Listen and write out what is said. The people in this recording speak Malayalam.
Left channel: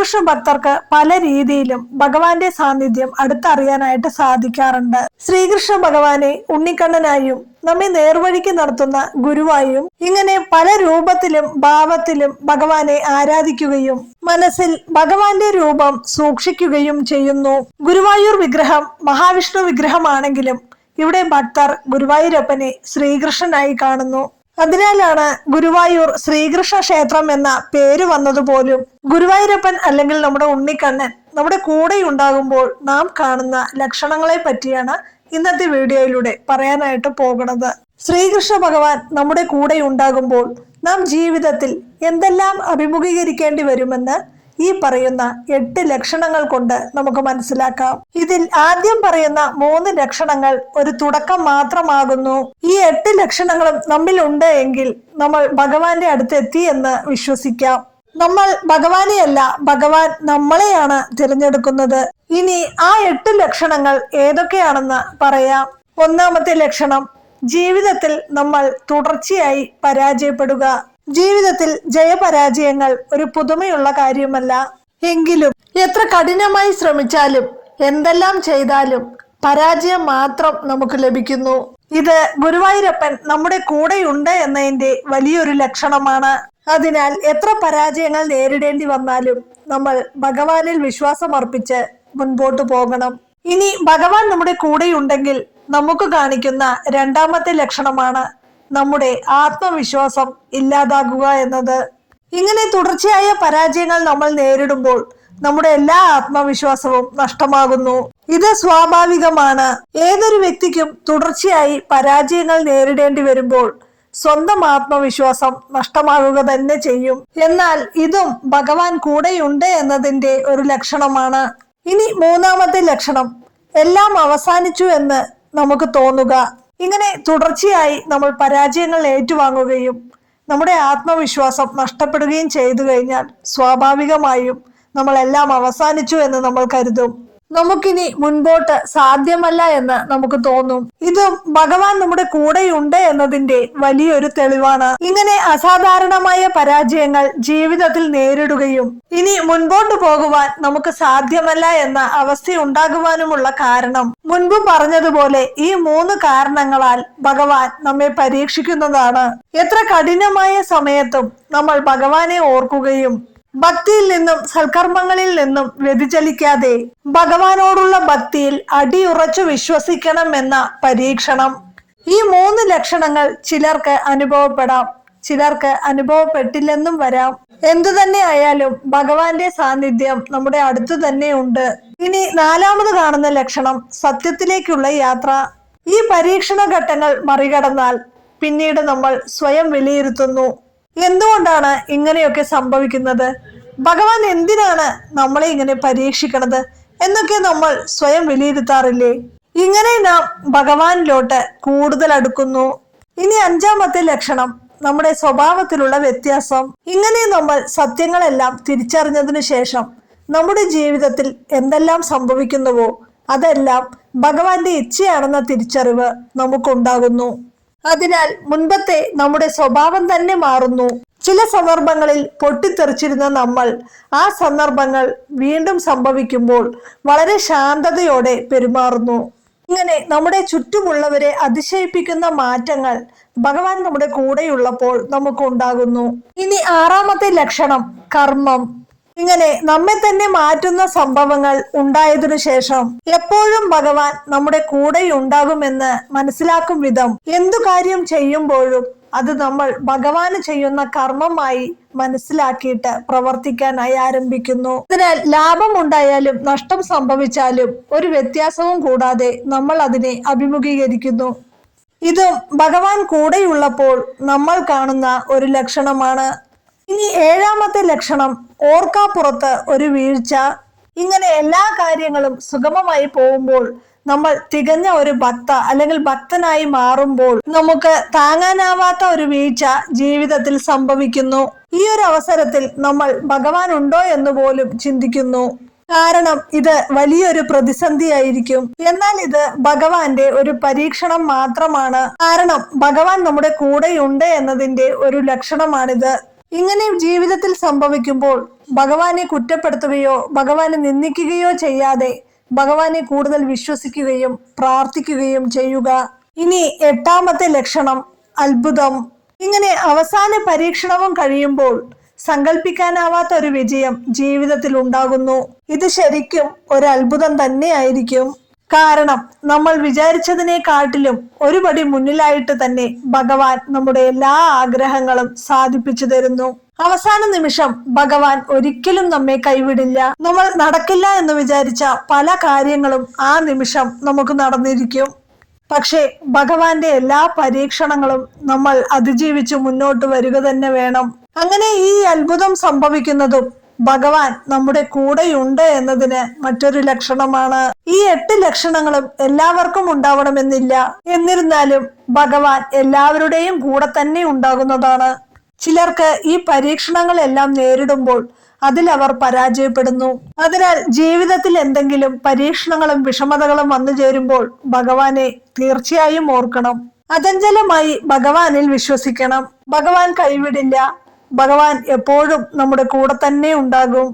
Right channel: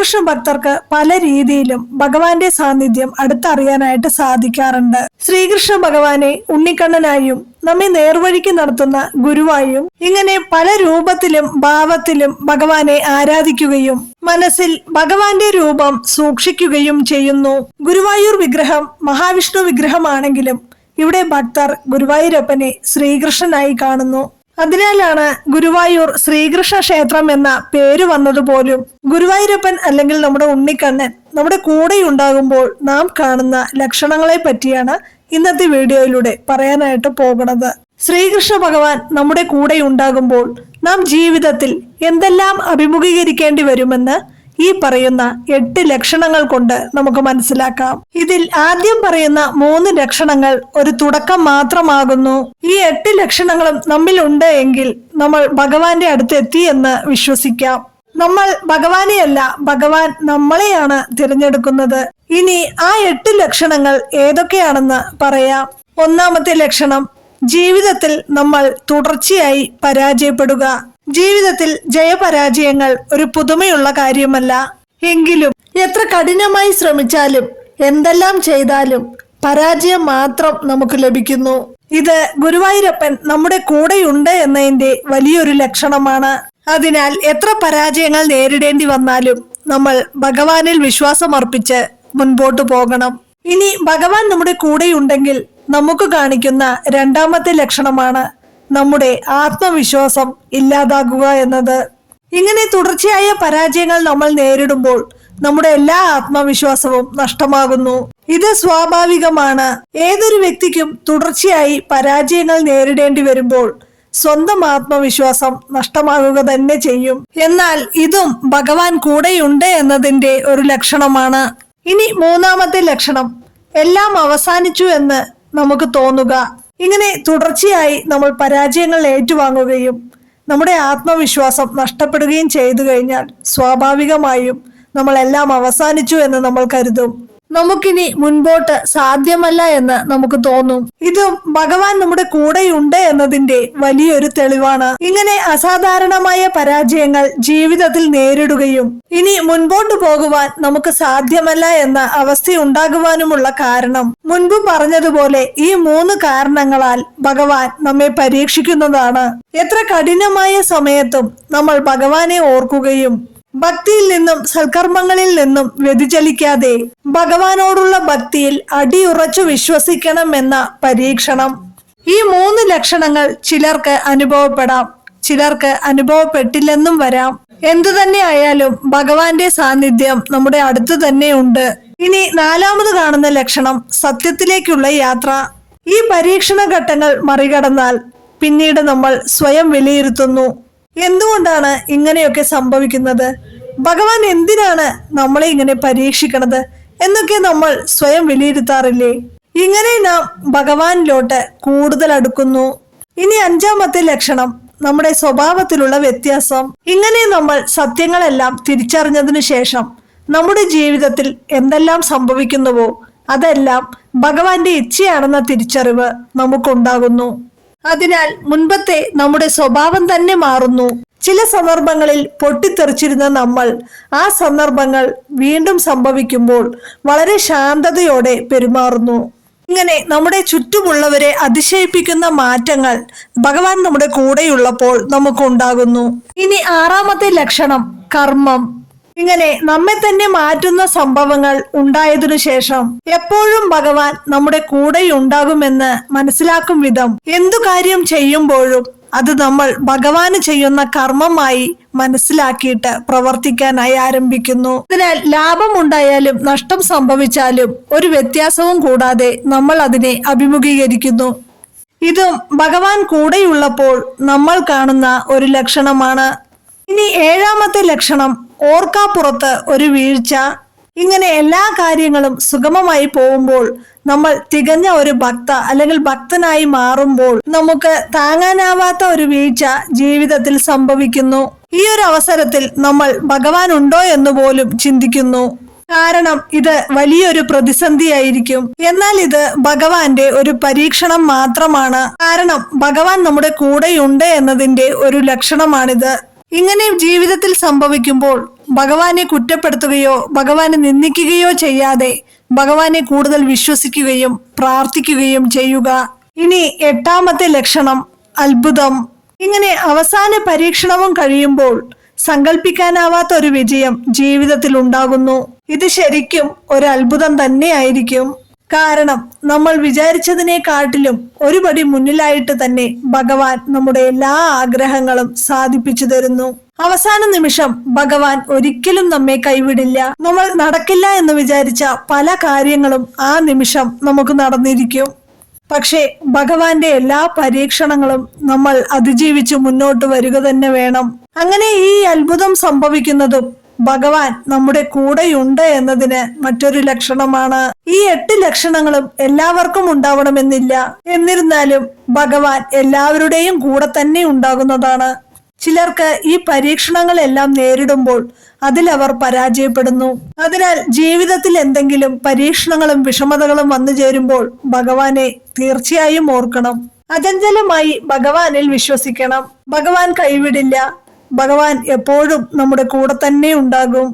ശ്രീകൃഷ്ണ ഭക്തർക്ക് പല രീതിയിലും ഭഗവാന്റെ സാന്നിധ്യം അടുത്തറിയാനായിട്ട് സാധിക്കാറുണ്ട്. ശ്രീകൃഷ്ണ ഭഗവാനെ ഉണ്ണിക്കണ്ണനായും നമ്മെ നേർവഴിക്ക് നടത്തുന്ന ഗുരുവായും ഇങ്ങനെ പല രൂപത്തിലും ഭാവത്തിലും ഭഗവാനെ ആരാധിക്കുകയും മനസ്സിൽ ഭഗവാന്റെ രൂപം സൂക്ഷിക്കുകയും ചെയ്യുന്നു. ഗുരുവായൂർ വിഗ്രഹം മഹാവിഷ്ണു വിഗ്രഹമാണെങ്കിലും ഇവിടെ ഭക്തർ ഗുരുവായൂരപ്പനെ ശ്രീകൃഷ്ണനായി കാണുന്നു. അതിനാലാണ് ഗുരുവായൂർ ശ്രീകൃഷ്ണ ക്ഷേത്രം എന്ന പേര് വന്നതുപോലും. ഗുരുവായൂരപ്പൻ അല്ലെങ്കിൽ നമ്മുടെ ഉണ്ണിക്കണ്ണൻ നമ്മുടെ കൂടെ ഉണ്ടാകുമ്പോൾ നാം കാണുന്ന ലക്ഷണങ്ങളെ പറ്റിയാണ് ഇന്നത്തെ വീഡിയോയിലൂടെ പറയാനായിട്ട് പോകുന്നത്. ശ്രീകൃഷ്ണ ഭഗവാൻ നമ്മുടെ കൂടെ ഉണ്ടാകുമ്പോൾ നാം ജീവിതത്തിൽ എന്തെല്ലാം അഭിമുഖീകരിക്കേണ്ടി വരുമെന്ന് ഈ പറയുന്ന 8 ലക്ഷണങ്ങൾ കൊണ്ട് നമുക്ക് മനസ്സിലാക്കാം. ഇതിൽ ആദ്യം പറയുന്ന 3 ലക്ഷണങ്ങൾ ഒരു തുടക്കം മാത്രമാകുന്നു. ഈ 8 ലക്ഷണങ്ങളും നമ്മിൽ ഉണ്ട് എങ്കിൽ നമ്മൾ ഭഗവാന്റെ അടുത്ത് എത്തി എന്ന് വിശ്വസിക്കാം. നമ്മൾ ഭഗവാനെയല്ല, ഭഗവാൻ നമ്മളെയാണ് തിരഞ്ഞെടുക്കുന്നത്. ഇനി ആ 8 ലക്ഷണങ്ങൾ ഏതൊക്കെയാണെന്ന് പറയാം. ഒന്നാമത്തെ ലക്ഷണം, ജീവിതത്തിൽ നമ്മൾ തുടർച്ചയായി പരാജയപ്പെടുക. ജീവിതത്തിൽ ജയപരാജയങ്ങൾ ഒരു പുതുമയുള്ള കാര്യമല്ല. എങ്കിലും എത്ര കഠിനമായി ശ്രമിച്ചാലും എന്തെല്ലാം ചെയ്താലും പരാജയം മാത്രം നമുക്ക് ലഭിക്കുന്നു. ഇത് ഗുരുവായൂരപ്പൻ നമ്മുടെ കൂടെയുണ്ട് എന്നതിന്റെ വലിയൊരു ലക്ഷണമാണ്. അതിനാൽ എത്ര പരാജയങ്ങൾ നേരിടേണ്ടി വന്നാലും നമ്മൾ ഭഗവാനിൽ വിശ്വാസം അർപ്പിച്ച് മുൻപോട്ട് പോകണം. ഇനി ഭഗവാൻ നമ്മുടെ കൂടെയുണ്ടെങ്കിൽ നമുക്ക് കാണിക്കുന്ന രണ്ടാമത്തെ ലക്ഷണമാണ് നമ്മുടെ ആത്മവിശ്വാസം ഇല്ലാതാകുക എന്നത്. ഇങ്ങനെ തുടർച്ചയായ പരാജയങ്ങൾ നമ്മൾ നേരിടുമ്പോൾ നമ്മുടെ എല്ലാ ആത്മവിശ്വാസവും നഷ്ടമാകുന്നു. ഇത് സ്വാഭാവികമാണ്. ഏതൊരു വ്യക്തിക്കും തുടർച്ചയായി പരാജയങ്ങൾ നേരിടേണ്ടി വരുമ്പോൾ സ്വന്തം ആത്മവിശ്വാസം നഷ്ടമാകുക തന്നെ ചെയ്യും. എന്നാൽ ഇതും ഭഗവാൻ കൂടെയുണ്ട് എന്നതിന്റെ ഒരു ലക്ഷണമാണ്. ഇനി മൂന്നാമത്തെ ലക്ഷണം, എല്ലാം അവസാനിച്ചു എന്ന് നമുക്ക് തോന്നുക. ഇങ്ങനെ തുടർച്ചയായി നമ്മൾ പരാജയങ്ങൾ ഏറ്റുവാങ്ങുകയും നമ്മുടെ ആത്മവിശ്വാസം നഷ്ടപ്പെടുകയും ചെയ്തു കഴിഞ്ഞാൽ സ്വാഭാവികമായും നമ്മൾ എല്ലാം അവസാനിച്ചു എന്ന് നമ്മൾ കരുതും. നമുക്കിനി മുൻപോട്ട് സാധ്യമല്ല എന്ന് നമുക്ക് തോന്നും. ഇതും ഭഗവാൻ നമ്മുടെ കൂടെയുണ്ട് എന്നതിന്റെ വലിയൊരു തെളിവാണ്. ഇങ്ങനെ അസാധാരണമായ പരാജയങ്ങൾ ജീവിതത്തിൽ നേരിടുകയും ഇനി മുൻപോട്ട് പോകുവാൻ നമുക്ക് സാധ്യമല്ല എന്ന അവസ്ഥയുണ്ടാകുവാനുമുള്ള കാരണം മുൻപ് പറഞ്ഞതുപോലെ ഈ 3 കാരണങ്ങളാൽ ഭഗവാൻ നമ്മെ പരീക്ഷിക്കുന്നതാണ്. എത്ര കഠിനമായ സമയത്തും നമ്മൾ ഭഗവാനെ ഓർക്കുകയും ഭക്തിയിൽ നിന്നും സൽക്കർമ്മങ്ങളിൽ നിന്നും വ്യതിചലിക്കാതെ ഭഗവാനോടുള്ള ഭക്തിയിൽ അടിയുറച്ചു വിശ്വസിക്കണം എന്ന പരീക്ഷണം. ഈ 3 ലക്ഷണങ്ങൾ ചിലർക്ക് അനുഭവപ്പെടാം, ചിലർക്ക് അനുഭവപ്പെട്ടില്ലെന്നും വരാം. എന്തു തന്നെ ആയാലും ഭഗവാന്റെ സാന്നിധ്യം നമ്മുടെ അടുത്ത് തന്നെ ഉണ്ട്. ഇനി നാലാമത് കാണുന്ന ലക്ഷണം, സത്യത്തിലേക്കുള്ള യാത്ര. ഈ പരീക്ഷണ ഘട്ടങ്ങൾ മറികടന്നാൽ പിന്നീട് നമ്മൾ സ്വയം വിലയിരുത്തുന്നു. എന്തുകൊണ്ടാണ് ഇങ്ങനെയൊക്കെ സംഭവിക്കുന്നത്, ഭഗവാൻ എന്തിനാണ് നമ്മളെ ഇങ്ങനെ പരീക്ഷിക്കണത് എന്നൊക്കെ നമ്മൾ സ്വയം വിലയിരുത്താറില്ലേ? ഇങ്ങനെ നാം ഭഗവാനിലോട്ട് കൂടുതൽ അടുക്കുന്നു. ഇനി അഞ്ചാമത്തെ ലക്ഷണം, നമ്മുടെ സ്വഭാവത്തിലുള്ള വ്യത്യാസം. ഇങ്ങനെ നമ്മൾ സത്യങ്ങളെല്ലാം തിരിച്ചറിഞ്ഞതിനു ശേഷം നമ്മുടെ ജീവിതത്തിൽ എന്തെല്ലാം സംഭവിക്കുന്നുവോ അതെല്ലാം ഭഗവാന്റെ ഇച്ഛയാണെന്ന തിരിച്ചറിവ് നമുക്കുണ്ടാകുന്നു. അതിനാൽ മുൻപത്തെ നമ്മുടെ സ്വഭാവം തന്നെ മാറുന്നു. ചില സന്ദർഭങ്ങളിൽ പൊട്ടിത്തെറിച്ചിരുന്ന നമ്മൾ ആ സന്ദർഭങ്ങൾ വീണ്ടും സംഭവിക്കുമ്പോൾ വളരെ ശാന്തതയോടെ പെരുമാറുന്നു. ഇങ്ങനെ നമ്മുടെ ചുറ്റുമുള്ളവരെ അതിശയിപ്പിക്കുന്ന മാറ്റങ്ങൾ ഭഗവാൻ നമ്മുടെ കൂടെയുള്ളപ്പോൾ നമുക്കുണ്ടാകുന്നു. ഇനി ആറാമത്തെ ലക്ഷണം, കർമ്മം. ഇങ്ങനെ നമ്മെ തന്നെ മാറ്റുന്ന സംഭവങ്ങൾ ഉണ്ടായതിനു ശേഷം എപ്പോഴും ഭഗവാൻ നമ്മുടെ കൂടെയുണ്ടാകുമെന്ന് മനസ്സിലാക്കും വിധം എന്തു കാര്യം ചെയ്യുമ്പോഴും അത് നമ്മൾ ഭഗവാന് ചെയ്യുന്ന കർമ്മമായി മനസ്സിലാക്കിയിട്ട് പ്രവർത്തിക്കാനായി ആരംഭിക്കുന്നു. അതിനാൽ ലാഭം ഉണ്ടായാലും നഷ്ടം സംഭവിച്ചാലും ഒരു വ്യത്യാസവും കൂടാതെ നമ്മൾ അതിനെ അഭിമുഖീകരിക്കുന്നു. ഇതും ഭഗവാൻ കൂടെയുള്ളപ്പോൾ നമ്മൾ കാണുന്ന ഒരു ലക്ഷണമാണ്. ഇനി ഏഴാമത്തെ ലക്ഷണം, ഓർക്കാപ്പുറത്ത് ഒരു വീഴ്ച. ഇങ്ങനെ എല്ലാ കാര്യങ്ങളും സുഗമമായി പോകുമ്പോൾ നമ്മൾ തികഞ്ഞ ഒരു ഭക്ത അല്ലെങ്കിൽ ഭക്തനായി മാറുമ്പോൾ നമുക്ക് താങ്ങാനാവാത്ത ഒരു വീഴ്ച ജീവിതത്തിൽ സംഭവിക്കുന്നു. ഈ ഒരു അവസരത്തിൽ നമ്മൾ ഭഗവാൻ ഉണ്ടോ എന്ന് പോലും ചിന്തിക്കുന്നു. കാരണം ഇത് വലിയൊരു പ്രതിസന്ധിയായിരിക്കും. എന്നാൽ ഇത് ഭഗവാന്റെ ഒരു പരീക്ഷണം മാത്രമാണ്. കാരണം ഭഗവാൻ നമ്മുടെ കൂടെയുണ്ട് എന്നതിന്റെ ഒരു ലക്ഷണമാണിത്. ഇങ്ങനെ ജീവിതത്തിൽ സംഭവിക്കുമ്പോൾ ഭഗവാനെ കുറ്റപ്പെടുത്തുകയോ ഭഗവാനെ നിന്ദിക്കുകയോ ചെയ്യാതെ ഭഗവാനെ കൂടുതൽ വിശ്വസിക്കുകയും പ്രാർത്ഥിക്കുകയും ചെയ്യുക. ഇനി 8ാമത്തെ ലക്ഷണം അത്ഭുതം. ഇങ്ങനെ അവസാന പരീക്ഷണവും കഴിയുമ്പോൾ സങ്കല്പിക്കാനാവാത്ത ഒരു വിജയം ജീവിതത്തിൽ ഉണ്ടാകുന്നു. ഇത് ശരിക്കും ഒരു അത്ഭുതം തന്നെയായിരിക്കും. കാരണം നമ്മൾ വിചാരിച്ചതിനെക്കാട്ടിലും ഒരുപടി മുന്നിലായിട്ട് തന്നെ ഭഗവാൻ നമ്മുടെ എല്ലാ ആഗ്രഹങ്ങളും സാധിപ്പിച്ചു തരുന്നു. അവസാന നിമിഷം ഭഗവാൻ ഒരിക്കലും നമ്മെ കൈവിടില്ല. നമ്മൾ നടക്കില്ല എന്ന് വിചാരിച്ച പല കാര്യങ്ങളും ആ നിമിഷം നമുക്ക് നടന്നിരിക്കും. പക്ഷേ ഭഗവാന്റെ എല്ലാ പരീക്ഷണങ്ങളും നമ്മൾ അതിജീവിച്ച് മുന്നോട്ട് വരിക തന്നെ വേണം. അങ്ങനെ ഈ അത്ഭുതം സംഭവിക്കുന്നതും ഭഗവാൻ നമ്മുടെ കൂടെയുണ്ട് എന്നതിന് മറ്റൊരു ലക്ഷണമാണ്. ഈ 8 ലക്ഷണങ്ങളും എല്ലാവർക്കും ഉണ്ടാവണമെന്നില്ല. എന്നിരുന്നാലും ഭഗവാൻ എല്ലാവരുടെയും കൂടെ തന്നെ ഉണ്ടാകുന്നതാണ്. ചിലർക്ക് ഈ പരീക്ഷണങ്ങളെല്ലാം നേരിടുമ്പോൾ അതിലവർ പരാജയപ്പെടുന്നു. അതിനാൽ ജീവിതത്തിൽ എന്തെങ്കിലും പരീക്ഷണങ്ങളും വിഷമതകളും വന്നു ചേരുമ്പോൾ ഭഗവാനെ തീർച്ചയായും ഓർക്കണം. അചഞ്ചലമായി ഭഗവാനിൽ വിശ്വസിക്കണം. ഭഗവാൻ കൈവിടില്ല. ഭഗവാൻ എപ്പോഴും നമ്മുടെ കൂടെ തന്നെ ഉണ്ടാകും.